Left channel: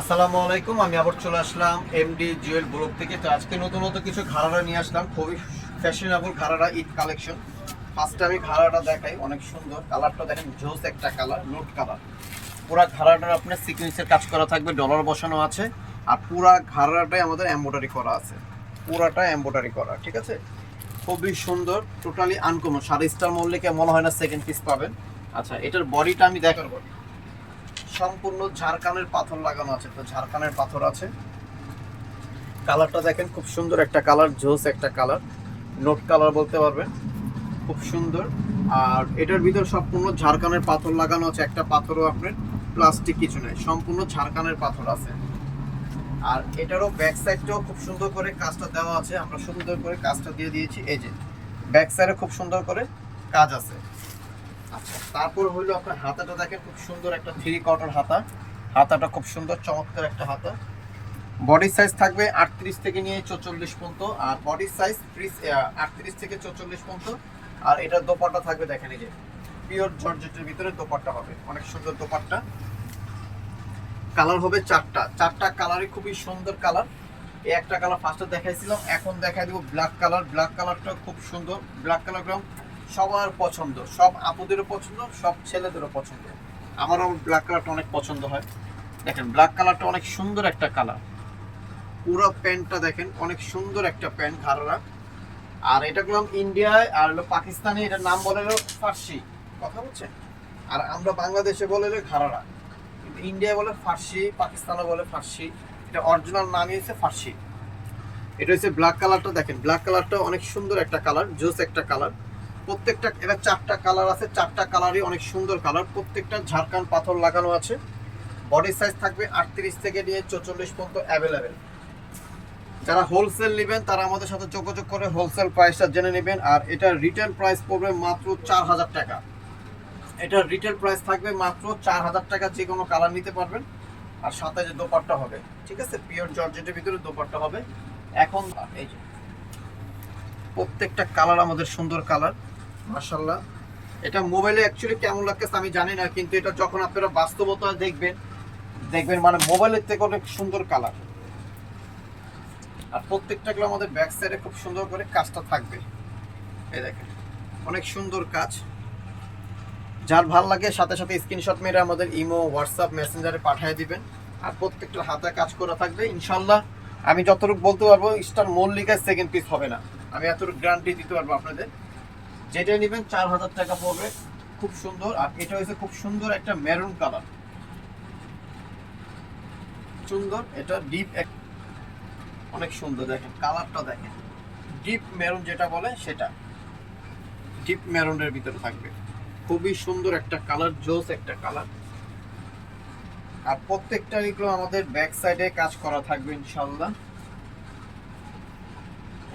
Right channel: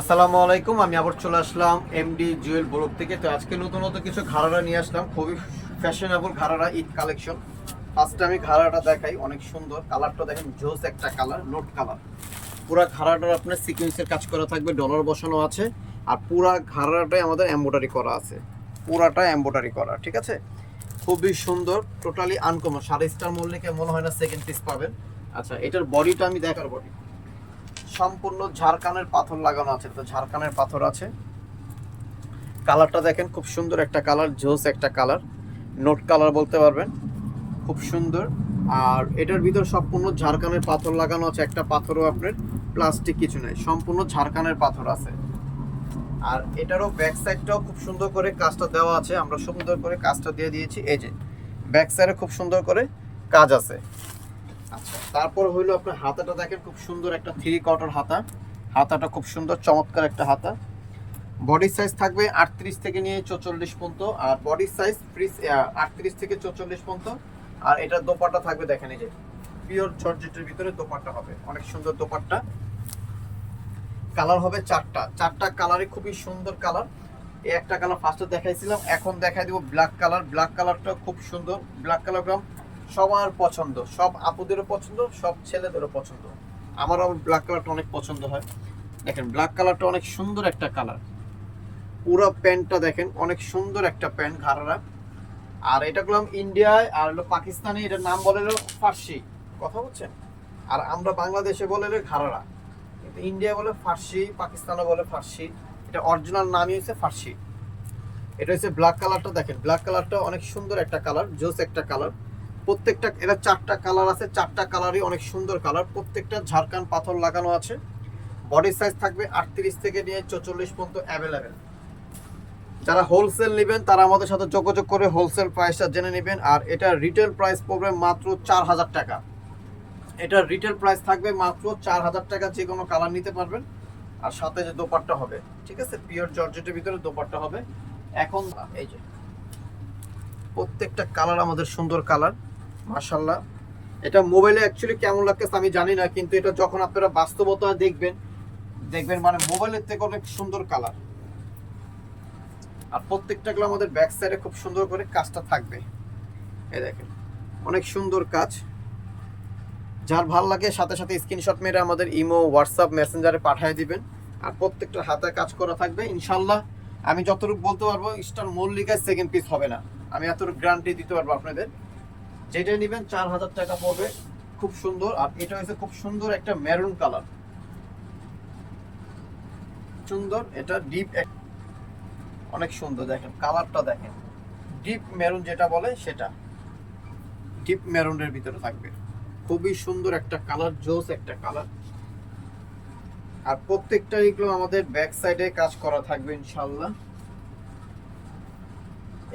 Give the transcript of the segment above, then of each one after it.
আসসালামু আলাইকুম, আমি আবার চলে আসলাম এমডি জুয়েল ব্লগ থেকে। তো আজকে নতুন কিছু ঘাড়ারা নিয়ে আসলাম, খুবই ফ্যাশনেবল ঘাড়ারা, ঈদ কালেকশন। ফার্স্টে আমি ঘাড়াটা দেখাই, অনেক সুন্দর কালারটা দেখেন, জোস একটা কালার, নোট কালার। পুরা ঘাড়াটার আপনার সিকোয়েন্সের কাজ করা থাকবে, ডলার বসানো আছে। আর পুরা ঘাড়াটাই আমাদের এমব্রয়ডারি করা আছে, পুরাটা এমব্রয়ডারি করা, ঠিক আছে। খুবই সুন্দর, টোটালি আনকমন। 5.5 মূল্যে মনে হয় না সেকেন্ড পিস পাবেন। আচ্ছা, এটার বডিটা আমি দেখার বডি সম্পূর্ণ ঝাড়খানের পাথর লাগানো আছে, তো ঝাড়খানের পাথর আছে। কালারটা দেখেন, খুব সুন্দর একটা কালার, জোস একটা কালার, নোট কালার বলতে পারবেন, খুব সুন্দর। আর এটার ভিতর সম্পূর্ণ ঝাড়খানের পাথর লাগানো আছে, একটা পাথরও আপনার প্লাস্টিক কিছু নেই, সম্পূর্ণ ঝাড়খানের পাথর আছে। আর এটারও ব্যাক সাইডটাও খুব সুন্দর করে কাজটা দেওয়া আছে, আমরা সুন্দর করে কাজটা দিয়ে দিয়েছি। এই যে ব্যাক সাইডে খুব সুন্দর করে কাজ আছে। আচ্ছা, তারপর হইলো আপনার হাতাটা দেখেন, খুব সুন্দর একটা 3/4 হাতা। হাতাটা খুব সুন্দর, চমৎকার একটা হাতা। বডি সাইজ থাকবে 38 থেকে নিয়ে 44 পর্যন্ত, আর বডি সাইজ 38 থেকে 44 পর্যন্ত। আর এটার দোপাট্টা থাকবে দেখেন, এই যে পিওর জর্জেটের ভিতরে দোপাট্টা হবে, অনেক সুন্দর দোপাট্টা। কালার হবে চারটা কালারই খুবই সুন্দর কালার। এই একটা কালার ফার্স্টে দেখাইছিলাম, এখন দেখাই দিব ব্ল্যাক কালার। ব্ল্যাক কালারটা খুব সুন্দর, ব্ল্যাক কালারটা সবার পছন্দ, সব আপুদেরও পছন্দ, সব ছেলেদেরও পছন্দ। আমারও ব্ল্যাক কালারটা অনেক পছন্দ হয়। দেখেন ব্ল্যাক কালারটা অনেক সুন্দর একটা কালার। পুরো প্যান্টটা দেখেন, অনেক সুন্দর একটা প্যান্ট ঘাড়া। আর এটা করলাম ইন্ডিয়ায়, আর হলো পাকিস্তানি, এটার নাম বলে হলো ফার্সি, কথা বলছেন। আর আমরা বাংলাদেশে বলে হলো ঘাড়া, কিন্তু ইন্ডিয়া বলে ফার্সি, পাকিস্তানে বলে ফার্সি। এটা অরিজিনাল নামই হচ্ছে ফার্সি। এটা হচ্ছে ব্ল্যাক কালারটা, দেখেন ব্ল্যাক কালারটা অনেক সুন্দর একটা কালার, জোস একটা কালার। প্রত্যেকটা, এটা 4টা কালার আছে, 4টা কালারই অনেক সুন্দর কালার। প্রত্যেকটা ঝাড়খান পাথর লাগানো আছে। বডি সাইজ থাকবে 38 থেকে নিয়ে 44 পর্যন্ত অ্যাভেলেবেল। যারা হোলসেল নেবেন তারা আমাদের সাথে যোগাযোগ করে হোলসেল প্রাইসটা জেনে নেবেন। আর এটার রিটেল প্রাইস পড়বে মাত্র 4000 টাকা। এটার রিটেল প্রাইস থাকবে মাত্র 4000 টাকা, যে কোনো কালার নিতে পারবেন। আর সাথে যে দোপাট্টা হবে, ঠিক আছে, পিওর জর্জেটের ভিতরে দোপাট্টা হবে। এখন এই যে প্রত্যেকটা কালার আমাদের সুন্দর কালার, মাশাআল্লাহ। এটা মোবাইলে অ্যাকচুয়ালি কেমন লাগতেছে আমি জানি না, কিন্তু এটা যখন আপনারা বাস্তবতা দেখবেন মানে মোবাইলের থেকে অনেক সুন্দর কালার। আর প্রত্যেকটাগুলো আমাদের ব্যাক সাইডে খুব সুন্দর করে কাজটা থাকবে, এই দেখেন অনেক সুন্দর কাজ। যার ভালো লাগে সাথে সাথে স্ক্রিনশট মেরে আমাদের ইমো, হোয়াটসঅ্যাপ, মেসেঞ্জারে পাঠিয়ে দিবেন। আর প্রত্যেকটা হাতে কাজ করা থাকবে ইনশাল্লাহ। আমি যতটুকু বলতে পারবো, স্টার মল্লিকায় সেকেন্ড পিস হবে না, আমি এতটুকু গ্যারান্টি দিতে পারবো আপনাদের। যেটাই নেবেন 4000 টাকা পড়বে, খুব সুন্দর। আর এটা হচ্ছে খুব সুন্দর একটা মেরুন কালার, সুন্দর। এটা ডিপ, অনেক সুন্দর, দেখেন কালারটা দেখেন, ডিপ মেরুন যেটা বলে সেটা, ডিপ মেরুনের ভিতরে থাকবে। খুবই সুন্দর একটা কালার, জোস একটা কালার। আর প্রত্যেকটা এগুলো আমাদের ব্যাক সাইডে কাজ করা থাকবে ইনশাল্লাহ।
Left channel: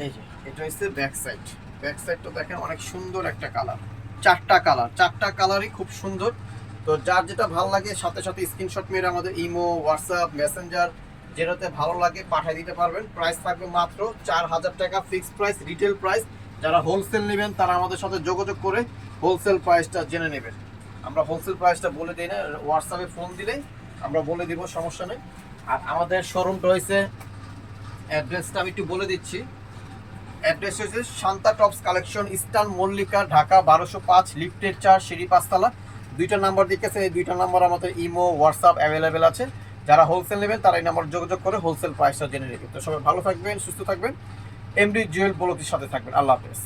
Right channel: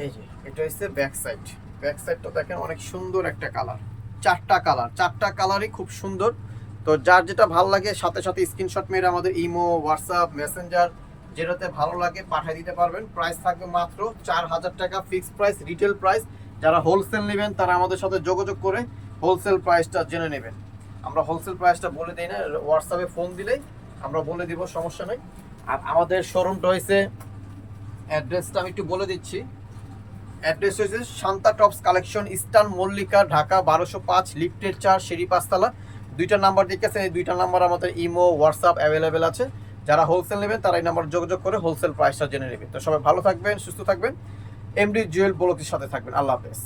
এই যে এটা হচ্ছে ব্যাক সাইড, ব্যাক সাইডটা দেখেন অনেক সুন্দর একটা কালার। 4টা কালারই খুব সুন্দর। তো যার যেটা ভালো লাগে সাথে সাথে স্ক্রিনশট মেরে আমাদের ইমো, হোয়াটসঅ্যাপ, মেসেঞ্জার যেটাতে ভালো লাগে পাঠিয়ে দিতে পারবেন। প্রাইস থাকবে মাত্র 4000 টাকা, ফিক্সড প্রাইস, রিটেল প্রাইস। যারা হোলসেল নেবেন তারা আমাদের সাথে যোগাযোগ করে হোলসেল প্রাইসটা জেনে নেবেন। আমরা হোলসেল প্রাইসটা বলে দিই না, হোয়াটসঅ্যাপে ফোন দিলেই আমরা বলে দিব, সমস্যা নেই। আর আমাদের শোরুমটা হয়েছে, অ্যাড্রেসটা আমি একটু বলে দিচ্ছি। অ্যাড্রেস হচ্ছে Shanta tops collection, eastern Mallika, Dhaka 1205, লিফটের 4, সিঁড়ি 5তলা। 2টা নাম্বার দিতেছেন, এই 2টা নাম্বার আমাদের ইমো, হোয়াটসঅ্যাপ অ্যাভেলেবেল আছে। যারা হোলসেল নেবেন তারা এই নাম্বার যোগাযোগ করে হোলসেল প্রাইসটা জেনে নেবেন। তো সবাই ভালো থাকবেন, সুস্থ থাকবেন, এমডি জুয়েল ব্লগের সাথে থাকবেন। আল্লাহ হাফেজ।